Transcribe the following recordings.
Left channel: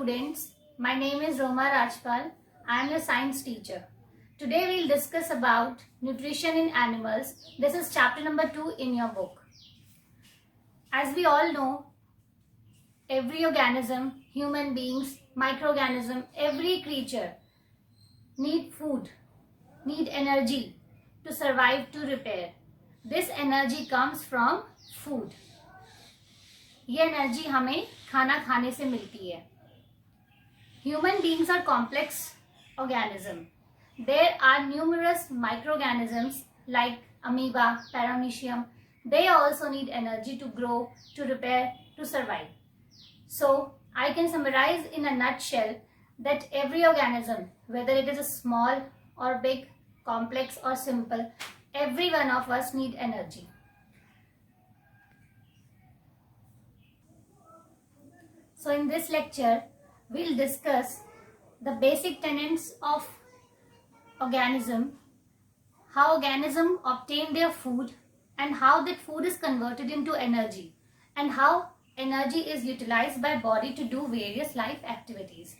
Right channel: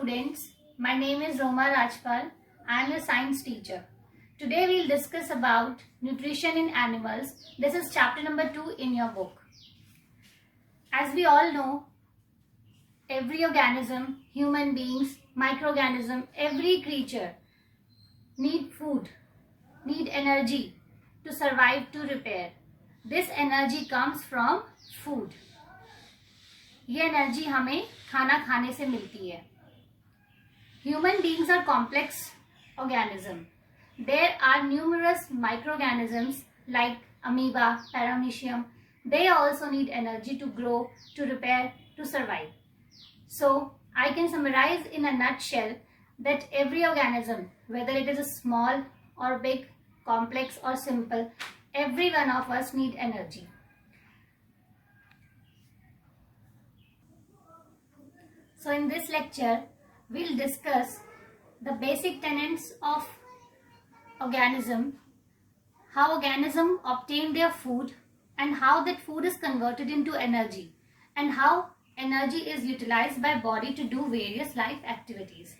students. My name is Roma Rajpal. I am a science teacher. Today we'll discuss about nutrition in animals. This is chapter number 2 in your book. As we all know, every organism, human beings, microorganism, every creature need food, need energy to survive, to repair. This energy comes from food. ये energy हमें खाना खाने से मिलती है. Human beings are complex organism. There are numerous microorganisms like amoeba, paramecium. They also need energy to grow, to repair, to survive. So I can summarize in a nutshell that every organism, whether it is a small or big, complex or simple, every one of us need energy. So in this lecture, we'll discuss the basic tenets of organism, how organism obtain their food and how that food is converted into energy and how energy is utilized by body to do various life activities.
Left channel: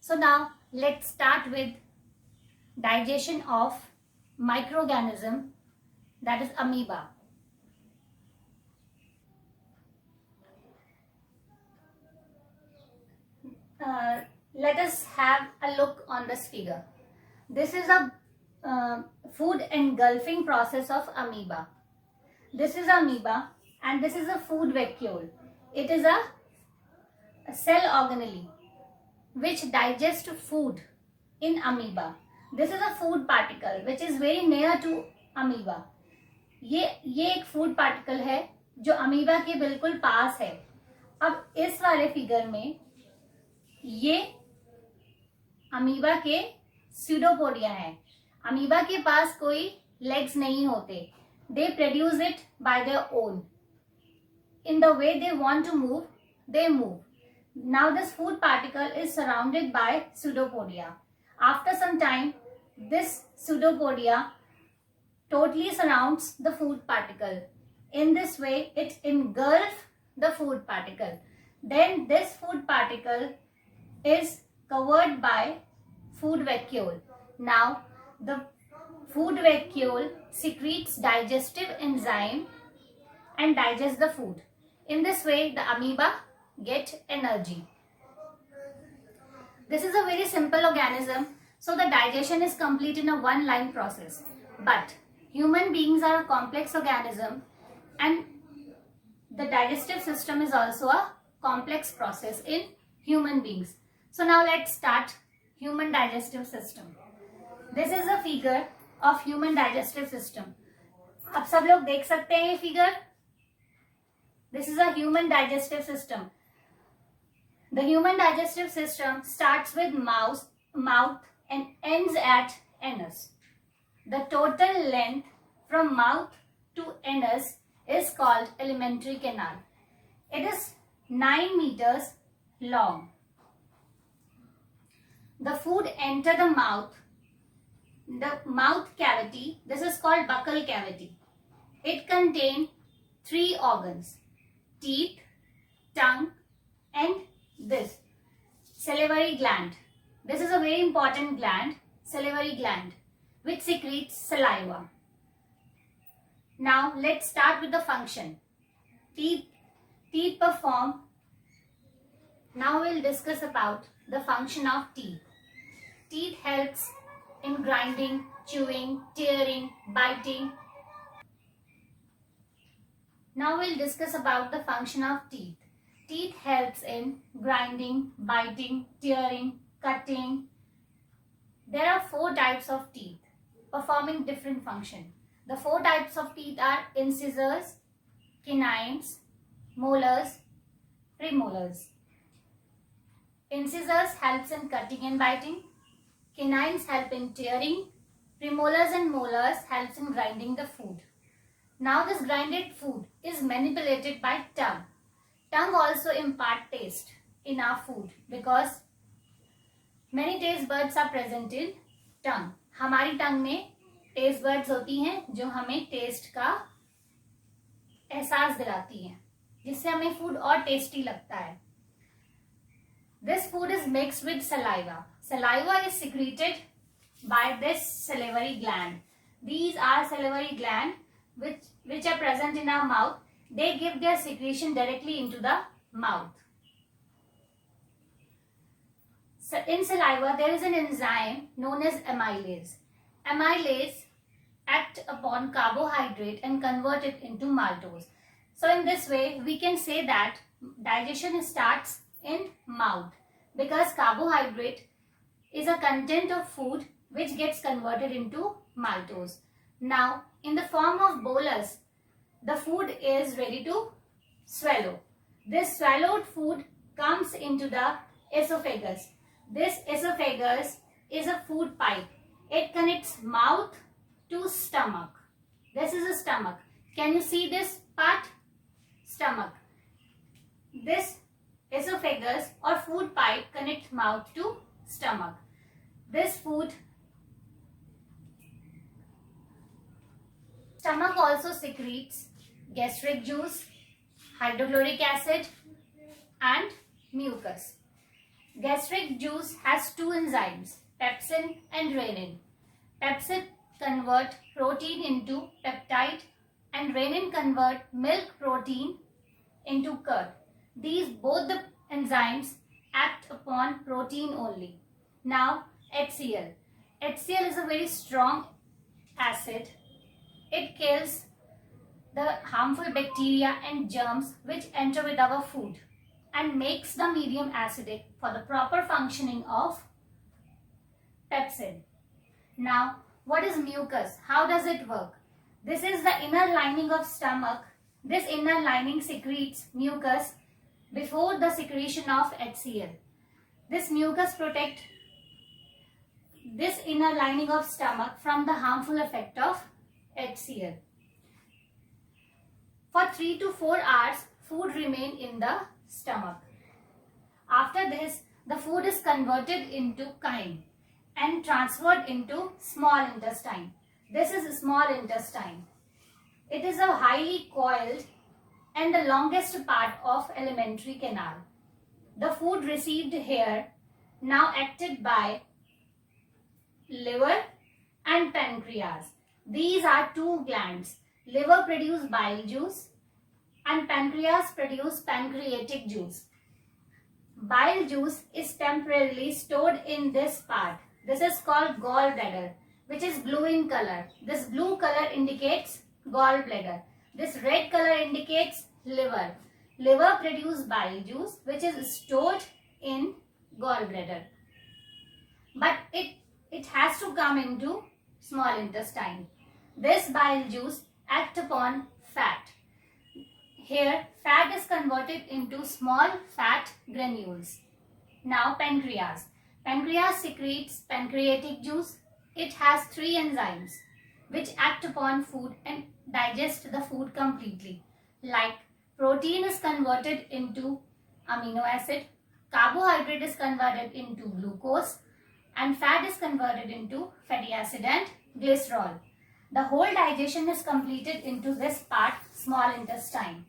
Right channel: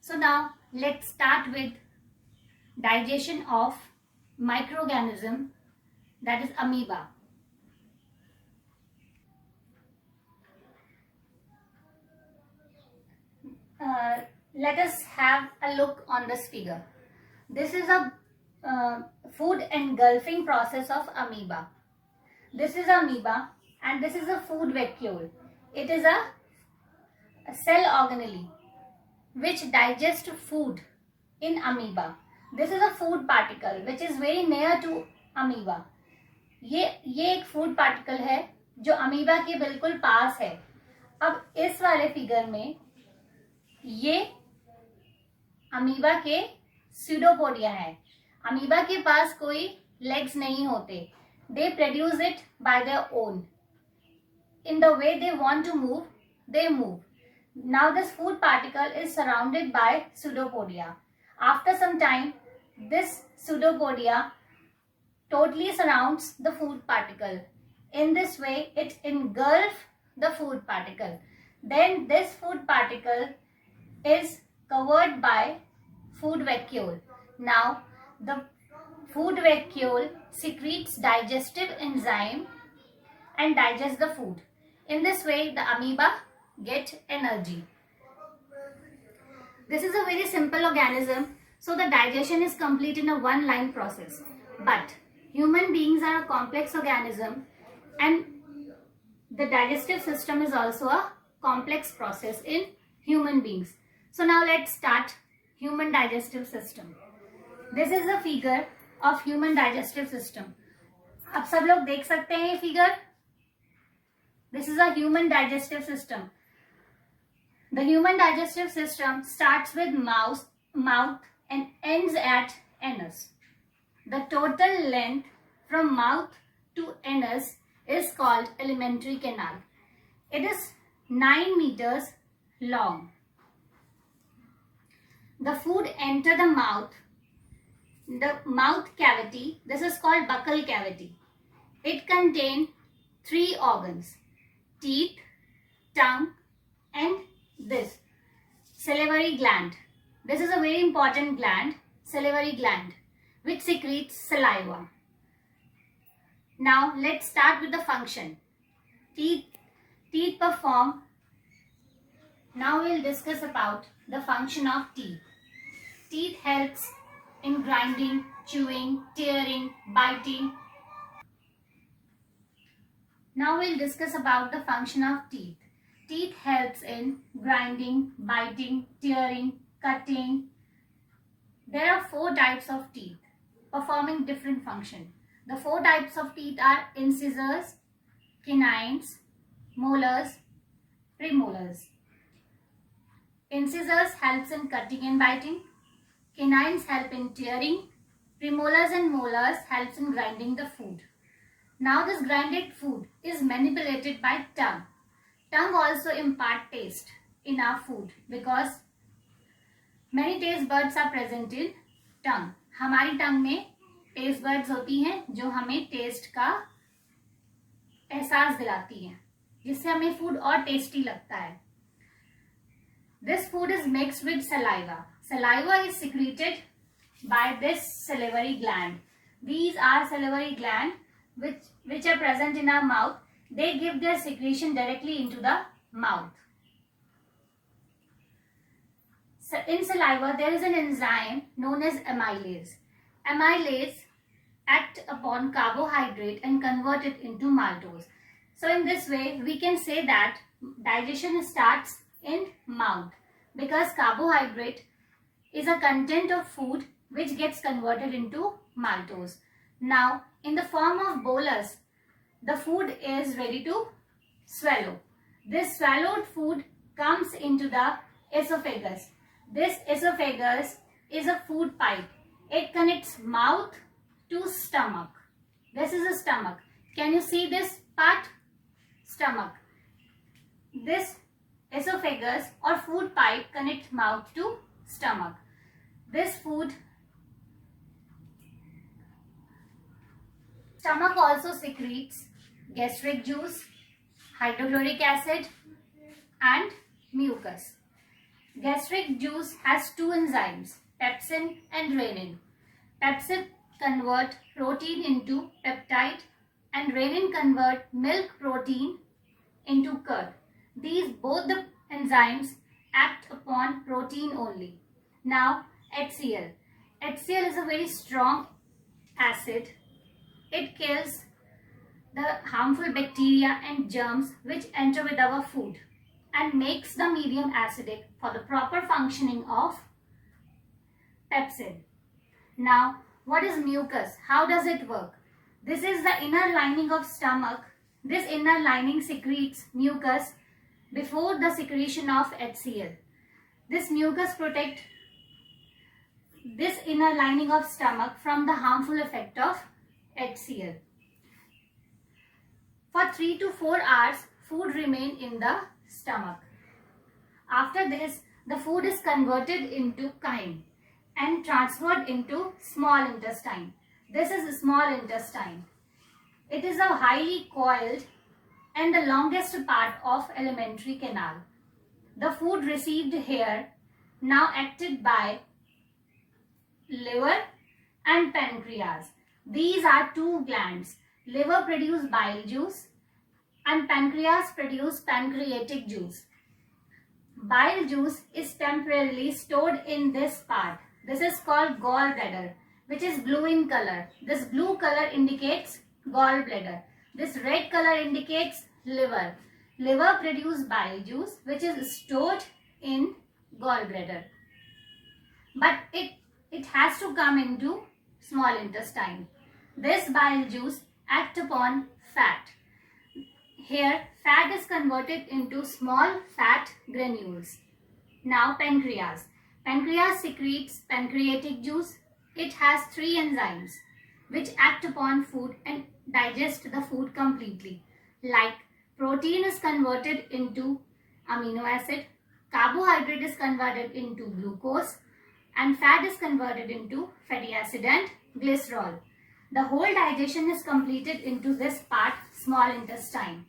So now let's start with digestion of microorganism, that is amoeba. Let us have a look on this figure. This is a food engulfing process of amoeba. This is amoeba and this is a food vacuole. It is a cell organelle which digests food in amoeba. This is a food particle which is very near to amoeba. ये एक food particle है जो amoeba के बिल्कुल पास है. अब इस वाले फिगर में ये अमीबा के स्यूडोपोडिया है. अमीबा के पास कोई लेग्स नहीं होते. They produce it by their own. In the way they want to move, they move. Now this food particle is surrounded by pseudopodia. After some time this pseudopodia totally surrounds the food particle. In this way it engulfs the food particle. Then this food particle is covered by food vacuole. Now the food vacuole secretes digestive enzyme and digests the food. In this way the amoeba get energy. This is a very simple organism, so the digestion is complete in a one line process. But human beings are a complex organism and the digestive system is also a complex process in human beings. So now let's start human digestive system. This is a figure of human digestive system. अब सब लोग देख सकते हैं ये figure. This is a human digestive system. The human digestive system starts with mouth and ends at anus. The total length from mouth to anus is called alimentary canal. It is 9 meters long. The food enter the mouth cavity. This is called buccal cavity. It contains 3 organs: teeth, tongue, and this salivary gland. This is a very important gland, salivary gland, which secretes saliva. Now let's start with the function. Teeth perform. Now we'll discuss about the function of teeth. Teeth helps in grinding, chewing, tearing, biting. Now we'll discuss about the function of teeth. Teeth helps in grinding, biting, tearing, cutting. There are 4 types of teeth performing different function. The 4 types of teeth are incisors, canines, molars, premolars. Incisors helps in cutting and biting. Canines help in tearing. Premolars and molars helps in grinding the food. Now this grinded food is manipulated by tongue. Tongue also impart taste in our food because many taste buds are present in tongue. हमारी टंग में taste buds होती हैं जो हमें test का एहसास दिलाती हैं, जिससे हमें फूड और टेस्टी लगता है. This This food is mixed with saliva. Saliva is secreted by this salivary gland. These are salivary gland which are present in our mouth. They give their secretion directly into the mouth. So in saliva, there is an enzyme known as amylase. Amylase act upon carbohydrate and convert it into maltose. So in this way, we can say that digestion starts in mouth because carbohydrate is a content of food which gets converted into maltose. Now, in the form of bolus, the food is ready to swallow. This swallowed food comes into the esophagus. This esophagus is a food pipe. It connects mouth to stomach. This is a stomach. Can you see this part? Stomach. This esophagus or food pipe connects mouth to stomach. This food. Stomach also secretes gastric juice, hydrochloric acid and mucus. Gastric juice has two enzymes, pepsin and renin. Pepsin convert protein into peptide and renin convert milk protein into curd. These both the enzymes act upon protein only. Now HCl. HCl is a very strong acid. It kills the harmful bacteria and germs which enter with our food and makes the medium acidic for the proper functioning of pepsin. Now, what is mucus? How does it work? This is the inner lining of stomach. This inner lining secretes mucus before the secretion of HCl. This mucus protects this inner lining of stomach from the harmful effect of HCl. For 3 to 4 hours, food remains in the stomach. After this, the food is converted into chyme and transferred into small intestine. This is small intestine. It is a highly coiled and the longest part of alimentary canal. The food received here now acted by liver and pancreas. These are two glands. Liver produces bile juice and pancreas produces pancreatic juice. Bile juice is temporarily stored in this part. This is called gallbladder, which is blue in color. This blue color indicates gallbladder. This red color indicates liver. Liver produces bile juice, which is stored in gallbladder. But it has to come into small intestine. This bile juice acts upon fat. Here, fat is converted into small fat granules. Now, pancreas. Pancreas secretes pancreatic juice. It has 3 enzymes which act upon food and digest the food completely. Like protein is converted into amino acid, carbohydrate is converted into glucose, and fat is converted into fatty acid and glycerol. The whole digestion is completed into this part, small intestine.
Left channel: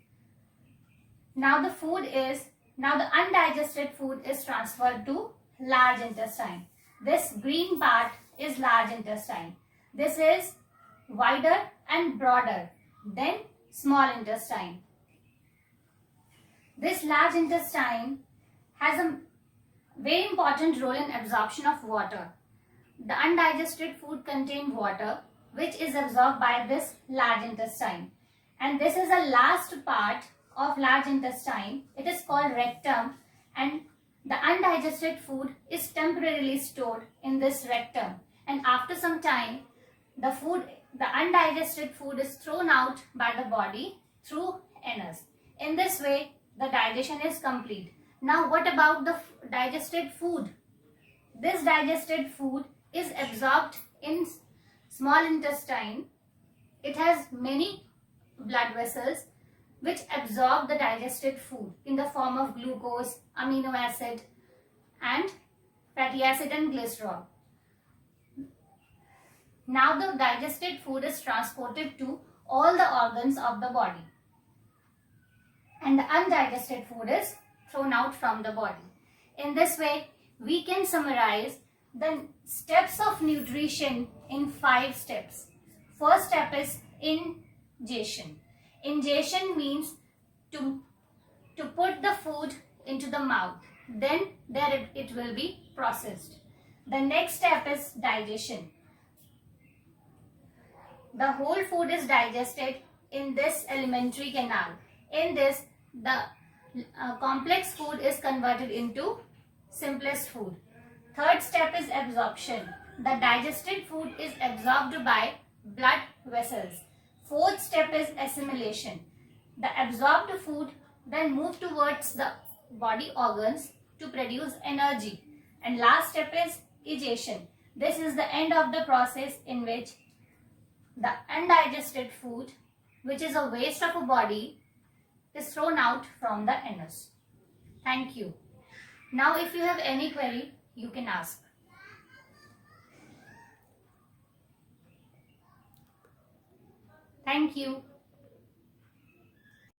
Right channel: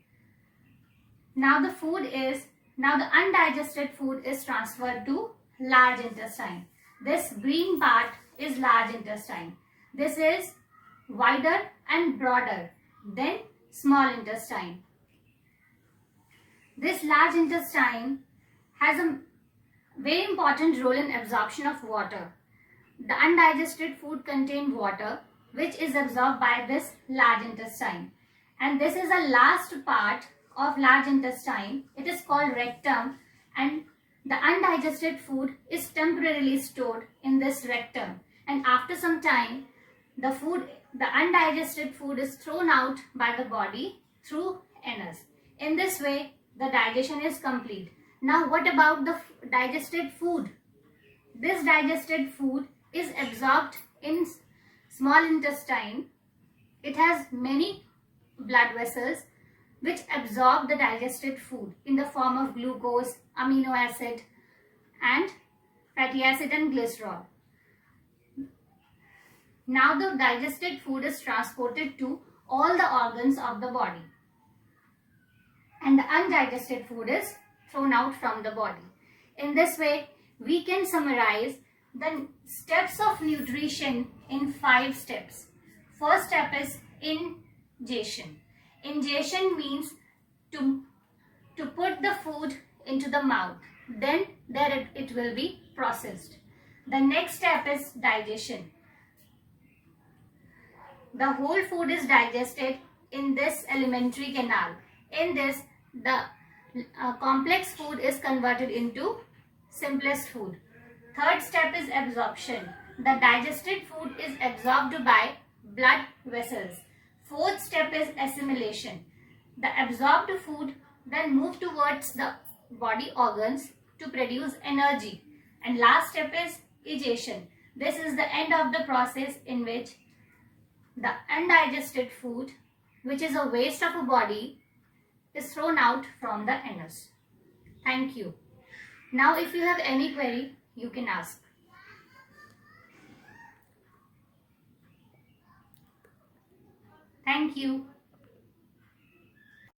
Now the undigested food is transferred to large intestine. This green part is large intestine. This is wider and broader than small intestine. This large intestine has a very important role in absorption of water. The undigested food contains water which is absorbed by this large intestine. And this is the last part of large intestine. It is called rectum, and the undigested food is temporarily stored in this rectum. And after some time, the undigested food is thrown out by the body through anus. In this way, the digestion is complete. Now, what about the digested food? This digested food is absorbed in small intestine. It has many blood vessels which absorb the digested food in the form of glucose, amino acid and fatty acid and glycerol. Now the digested food is transported to all the organs of the body and the undigested food is thrown out from the body. In this way, we can summarize the steps of nutrition in 5 steps. First step is ingestion. Ingestion means to put the food into the mouth. Then there it will be processed. The next step is digestion. The whole food is digested in this alimentary canal. In this, the complex food is converted into simplest food. Third step is absorption. The digested food is absorbed by blood vessels. Fourth step is assimilation. The absorbed food then move towards the body organs to produce energy. And last step is egestion. This is the end of the process in which the undigested food, which is a waste of a body, is thrown out from the anus. Thank you. Now if you have any query, you can ask. Thank you.